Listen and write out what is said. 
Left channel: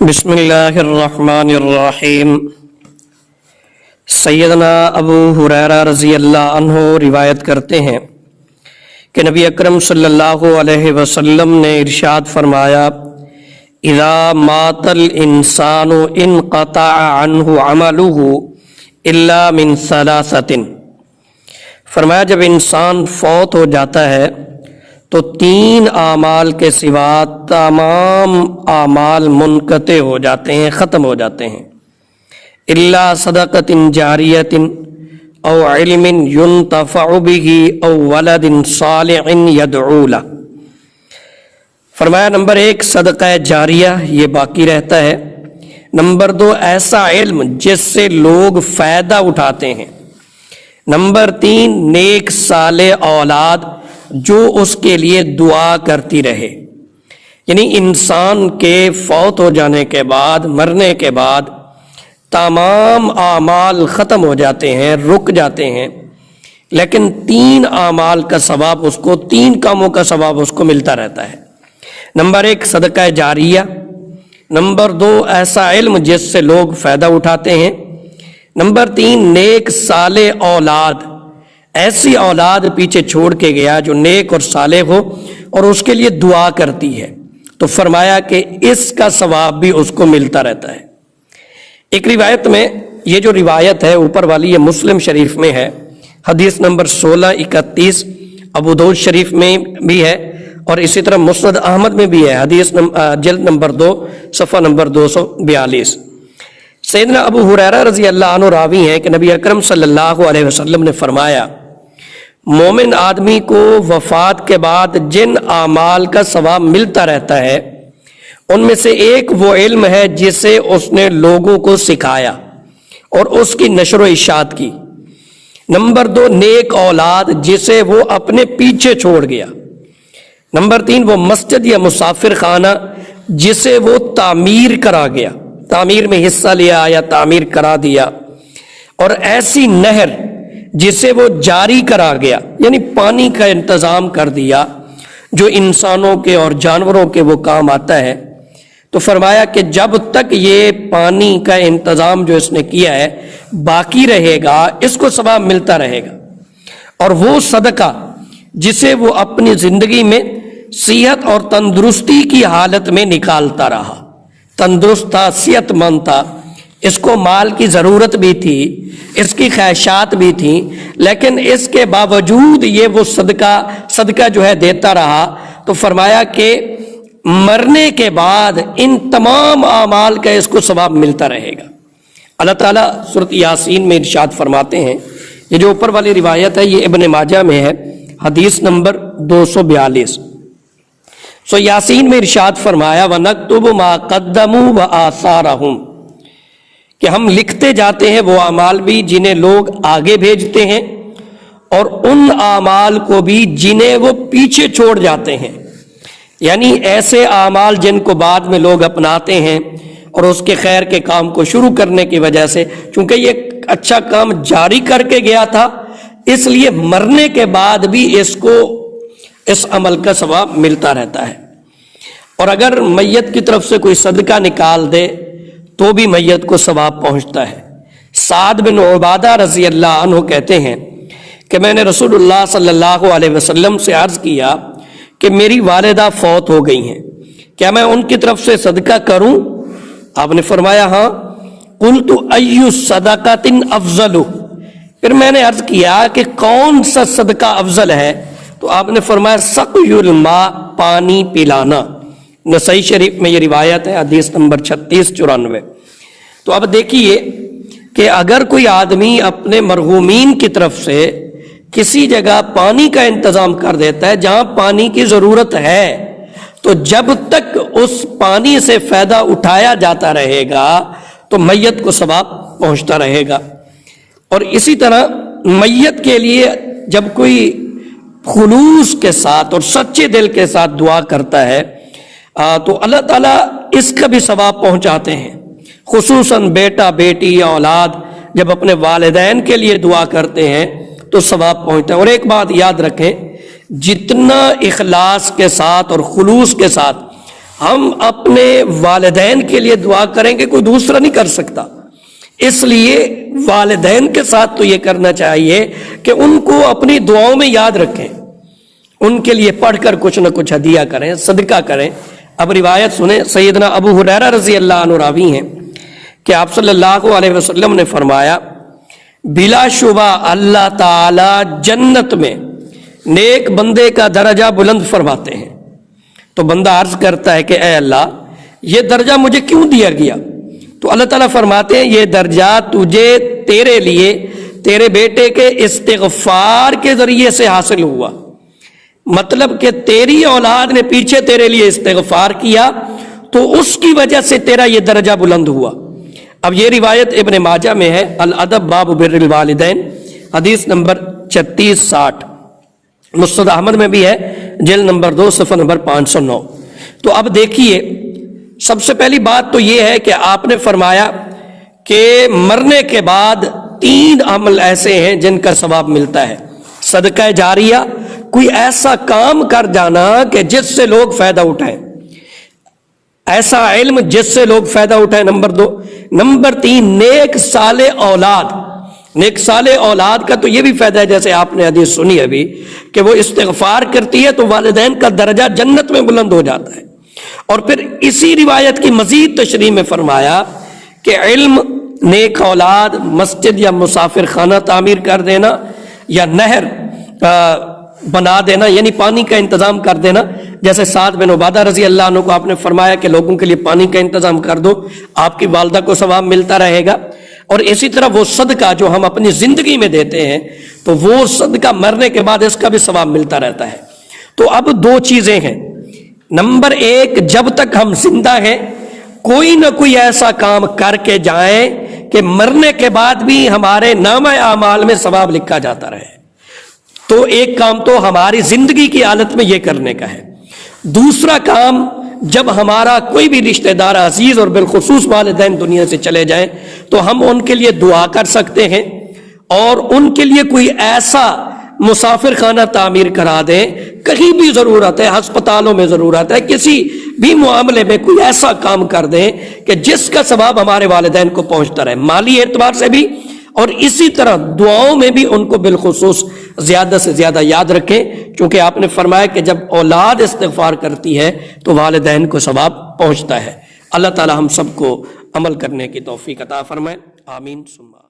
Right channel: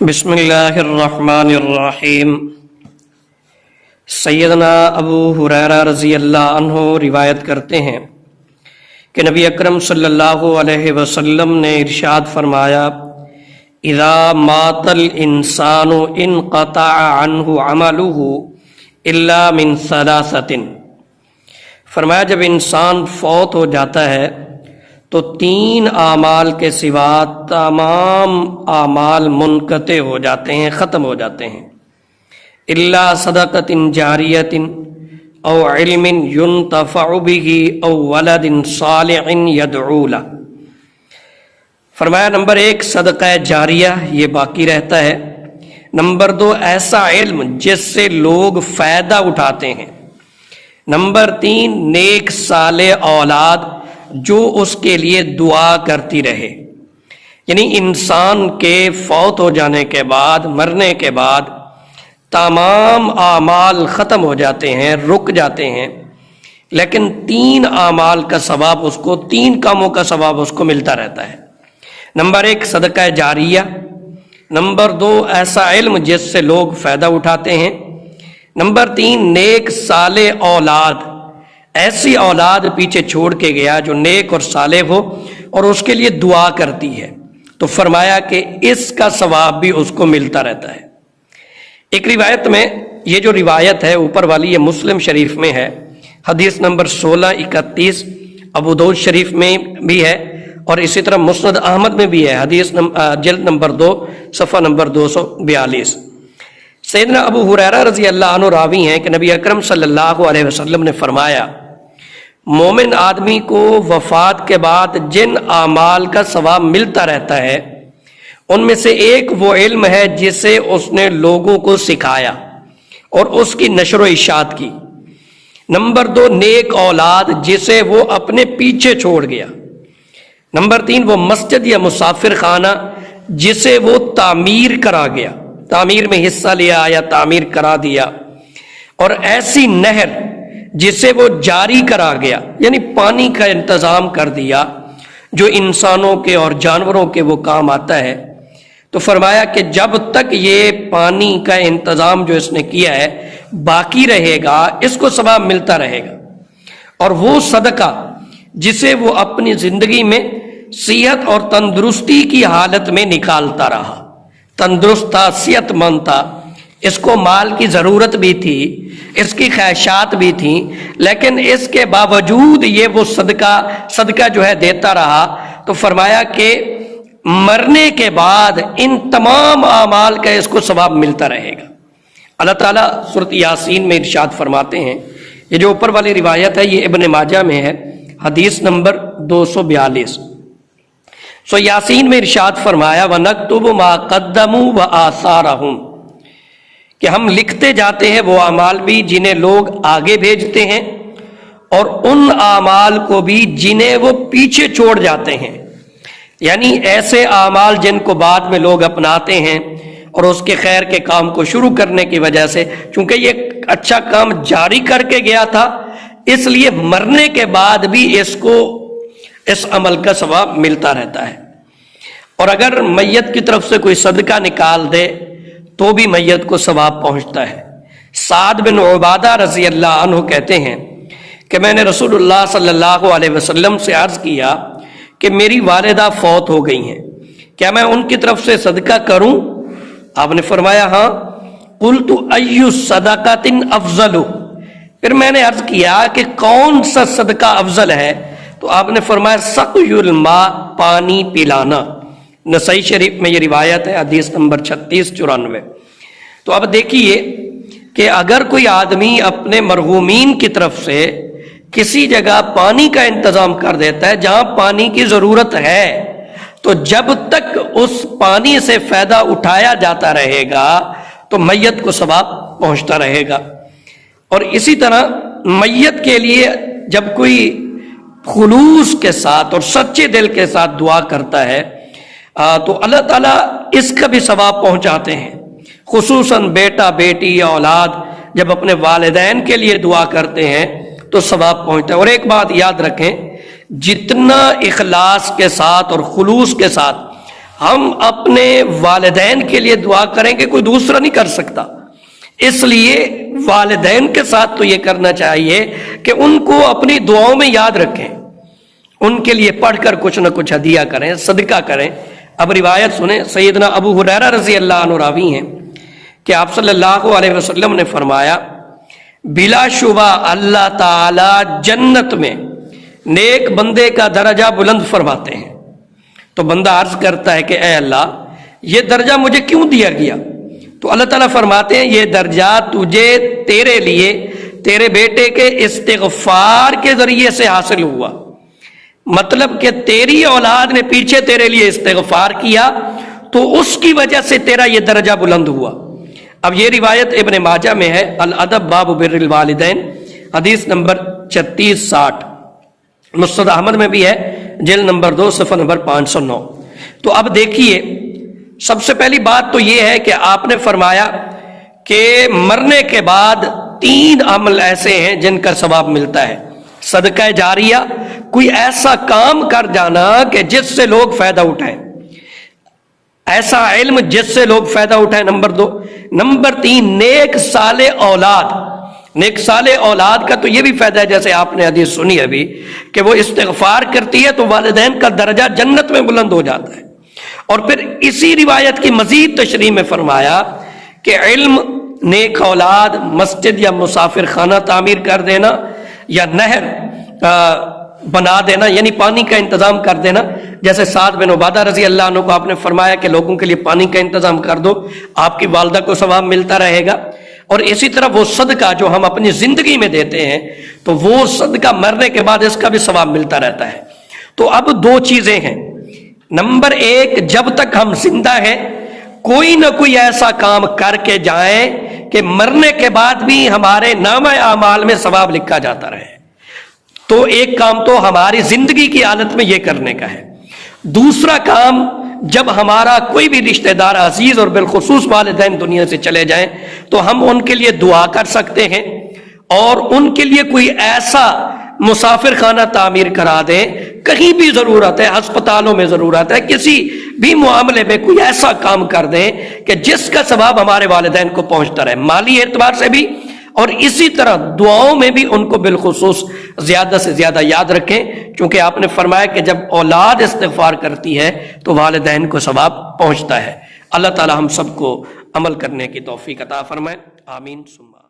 بسم اللہ الرحمن الرحیم۔ سیدنا ابو ہریرہ رضی اللہ عنہ روایت کرتے ہیں کہ نبی اکرم صلی اللہ علیہ وسلم نے ارشاد فرمایا، اذا مات الانسان انقطع عنہ عملہ الا من ثلاثۃ۔ فرمایا جب انسان فوت ہو جاتا ہے تو 3 اعمال کے سوا تمام اعمال منقطع ہو جاتے ہیں، ختم ہو جاتے ہیں۔ الا صدقۃ جاریۃ او علم ينتفع به او ولد صالح يدعو له۔ فرمایا نمبر 1 صدقہ جاریہ، یہ باقی رہتا ہے۔ نمبر 2 ایسا علم جس سے لوگ فائدہ اٹھاتے ہیں۔ نمبر 3 نیک صالح اولاد جو اس کے لیے دعا کرتی رہے۔ یعنی انسان کے فوت ہو جانے کے بعد، مرنے کے بعد تمام اعمال ختم ہو جاتے ہیں، رک جاتے ہیں، لیکن 3 اعمال کا ثواب اس کو، 3 کاموں کا ثواب اس کو ملتا رہتا ہے۔ نمبر 1 صدقہ جاریہ، نمبر 2 ایسا علم جس سے لوگ فائدہ اٹھاتے ہیں، نمبر 3 نیک صالح اولاد، ایسی اولاد پیچھے چھوڑ کے گیا جو نیک اور صالح ہو اور اس کے لیے دعا کرتی ہے، تو فرمایا کہ اس کا ثواب بھی اس کو ملتا رہتا ہے۔ ایک روایت میں، یہ جو روایت ہے اوپر والی، یہ مسلم شریف میں ہے، حدیث نمبر 1631، ابو داؤد شریف میں بھی ہے، اور اسی طرح مسند احمد میں بھی ہے، حدیث جلد نمبر 2 صفحہ نمبر 242۔ سیدنا ابو ہریرہ رضی اللہ عنہ راوی ہیں کہ نبی اکرم صلی اللہ علیہ وسلم نے فرمایا، مومن آدمی کو وفات کے بعد جن اعمال کا ثواب ملتا رہتا ہے ان میں سے ایک وہ علم ہے جسے اس نے لوگوں کو سکھایا اور اس کی نشر و اشاعت کی۔ نمبر 2 نیک اولاد جسے وہ اپنے پیچھے چھوڑ گیا۔ نمبر 3 وہ مسجد یا مسافر خانہ جسے وہ تعمیر کرا گیا، تعمیر میں حصہ لیا یا تعمیر کرا دیا، اور ایسی نہر جسے وہ جاری کرا گیا، یعنی پانی کا انتظام کر دیا جو انسانوں کے اور جانوروں کے وہ کام آتا ہے۔ تو فرمایا کہ جب تک یہ پانی کا انتظام جو اس نے کیا ہے باقی رہے گا، اس کو ثواب ملتا رہے گا۔ اور وہ صدقہ جسے وہ اپنی زندگی میں صحت اور تندرستی کی حالت میں نکالتا رہا، تندرست تھا، صحت مند تھا، اس کو مال کی ضرورت بھی تھی، اس کی خواہشات بھی تھیں، لیکن اس کے باوجود یہ وہ صدقہ جو ہے دیتا رہا، تو فرمایا کہ مرنے کے بعد ان تمام اعمال کا اس کو ثواب ملتا رہے گا۔ اللہ تعالیٰ سورۃ یاسین میں ارشاد فرماتے ہیں، یہ جو اوپر والی روایت ہے یہ ابن ماجہ میں ہے، حدیث نمبر 242۔ سو یاسین میں ارشاد فرمایا، وَنَكْتُبُ مَا قَدَّمُوا وَآثَارَهُمْ، کہ ہم لکھتے جاتے ہیں وہ اعمال بھی جنہیں لوگ آگے بھیجتے ہیں اور ان اعمال کو بھی جنہیں وہ پیچھے چھوڑ جاتے ہیں، یعنی ایسے اعمال جن کو بعد میں لوگ اپناتے ہیں اور اس کے خیر کے کام کو شروع کرنے کی وجہ سے، چونکہ یہ اچھا کام جاری کر کے گیا تھا، اس لیے مرنے کے بعد بھی اس کو اس عمل کا ثواب ملتا رہتا ہے۔ اور اگر میت کی طرف سے کوئی صدقہ نکال دے تو بھی میت کو ثواب پہنچتا ہے۔ سعد بن عبادہ رضی اللہ عنہ کہتے ہیں کہ میں نے رسول اللہ صلی اللہ علیہ وسلم سے عرض کیا کہ میری والدہ فوت ہو گئی ہیں، کیا میں ان کی طرف سے صدقہ کروں؟ آپ نے فرمایا ہاں۔ قلت ای صدقۃ افضل، پھر میں نے عرض کیا کہ کون سا صدقہ افضل ہے؟ تو آپ نے فرمایا سقی الماء، پانی پلانا۔ نسائی شریف میں یہ روایت ہے، حدیث نمبر 3694۔ تو اب دیکھیے کہ اگر کوئی آدمی اپنے مرحومین کی طرف سے کسی جگہ پانی کا انتظام کر دیتا ہے جہاں پانی کی ضرورت ہے، تو جب تک اس پانی سے فائدہ اٹھایا جاتا رہے گا تو میت کو ثواب پہنچتا رہے گا۔ اور اسی طرح میت کے لیے جب کوئی خلوص کے ساتھ اور سچے دل کے ساتھ دعا کرتا ہے تو اللہ تعالیٰ اس کا بھی ثواب پہنچاتے ہیں، خصوصاً بیٹا بیٹی یا اولاد جب اپنے والدین کے لیے دعا کرتے ہیں تو ثواب پہنچتا ہے۔ اور ایک بات یاد رکھیں، جتنا اخلاص کے ساتھ اور خلوص کے ساتھ ہم اپنے والدین کے لیے دعا کریں گے، کوئی دوسرا نہیں کر سکتا، اس لیے والدین کے ساتھ تو یہ کرنا چاہیے کہ ان کو اپنی دعاؤں میں یاد رکھیں، ان کے لیے پڑھ کر کچھ نہ کچھ ہدیہ کریں، صدقہ کریں۔ اب روایت سنیں، سیدنا ابو ہریرہ رضی اللہ عنہ راوی ہیں کہ آپ صلی اللہ علیہ وسلم نے فرمایا، بلا شبہ اللہ تعالی جنت میں نیک بندے کا درجہ بلند فرماتے ہیں۔ تو بندہ عرض کرتا ہے کہ اے اللہ، یہ درجہ مجھے کیوں دیا گیا؟ تو اللہ تعالیٰ فرماتے ہیں یہ درجہ تجھے تیرے لیے تیرے بیٹے کے استغفار کے ذریعے سے حاصل ہوا، مطلب کہ تیری اولاد نے پیچھے تیرے لیے استغفار کیا تو اس کی وجہ سے تیرا یہ درجہ بلند ہوا۔ اب یہ روایت ابن ماجہ میں ہے، الادب باب بر الوالدین، حدیث نمبر 3660، مسند احمد میں بھی ہے، جلد نمبر 2 صفحہ نمبر 509۔ تو اب دیکھیے، سب سے پہلی بات تو یہ ہے کہ آپ نے فرمایا کہ مرنے کے بعد 3 عمل ایسے ہیں جن کا ثواب ملتا ہے۔ صدقہ جاریہ، کوئی ایسا کام کر جانا کہ جس سے لوگ فائدہ اٹھائیں، ایسا علم جس سے لوگ فائدہ اٹھائیں، نمبر 2۔ نمبر 3، نیک صالح اولاد۔ نیک صالح اولاد کا تو یہ بھی فائدہ ہے، جیسے آپ نے حدیث سنی ابھی، کہ وہ استغفار کرتی ہے تو والدین کا درجہ جنت میں بلند ہو جاتا ہے۔ اور پھر اسی روایت کی مزید تشریح میں فرمایا کہ علم، نیک اولاد، مسجد یا مسافر خانہ تعمیر کر دینا، یا نہر بنا دینا، یعنی پانی کا انتظام کر دینا، جیسے سعد بن عبادہ رضی اللہ عنہ کو آپ نے فرمایا کہ لوگوں کے لیے پانی کا انتظام کر دو، آپ کی والدہ کو ثواب ملتا رہے گا۔ اور اسی طرح وہ صدقہ جو ہم اپنی زندگی میں دیتے ہیں تو وہ صدقہ مرنے کے بعد اس کا بھی ثواب ملتا رہتا ہے۔ تو اب 2 چیزیں ہیں، نمبر 1، جب تک ہم زندہ ہیں کوئی نہ کوئی ایسا کام کر کے جائیں کہ مرنے کے بعد بھی ہمارے نامہ اعمال میں ثواب لکھا جاتا رہے۔ تو ایک کام تو ہماری زندگی کی حالت میں یہ کرنے کا ہے۔ دوسرا کام، جب ہمارا کوئی بھی رشتہ دار عزیز اور بالخصوص والدین دنیا سے چلے جائیں تو ہم ان کے لیے دعا کر سکتے ہیں، اور ان کے لیے کوئی ایسا مسافر خانہ تعمیر کرا دیں، کہیں بھی ضرورت ہے، ہسپتالوں میں ضرورت ہے، کسی بھی معاملے میں کوئی ایسا کام کر دیں کہ جس کا ثواب ہمارے والدین کو پہنچتا رہے، مالی اعتبار سے بھی، اور اسی طرح دعاؤں میں بھی ان کو بالخصوص زیادہ سے زیادہ یاد رکھیں، کیونکہ آپ نے فرمایا کہ جب اولاد استغفار کرتی ہے تو والدین کو ثواب پہنچتا ہے۔ اللہ تعالی ہم سب کو عمل کرنے کی توفیق عطا فرمائے، آمین ثم آمین۔